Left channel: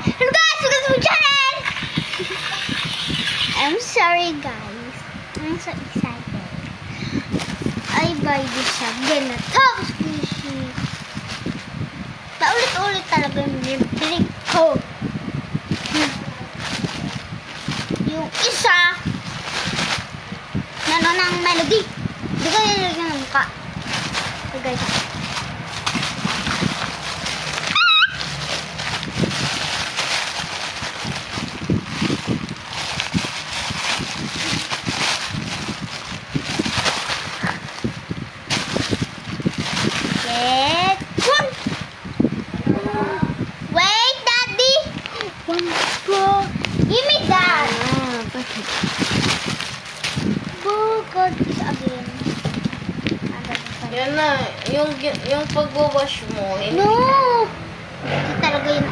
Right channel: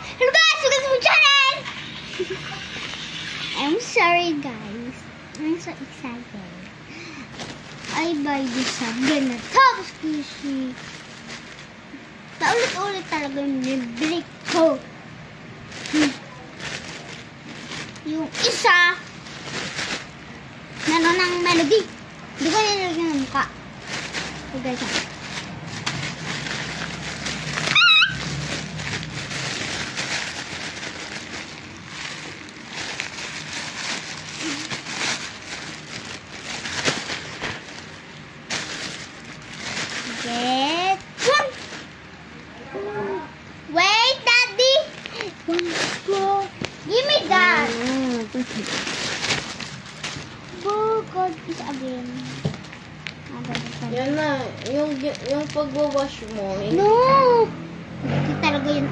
Hello guys, welcome to my channel! I'm sorry guys. I'm so excited. I buy this shotgun na top species. Paulit-ulit talaga yung bibili ko. Yung isa, nano ng melody. Hindi ko nilagyan ng mukha. So guys, get one. Wait, Daddy. One go. Give me that. Go, God, again. Yan na, yung pag-wash mo. No! Hindi talaga yun.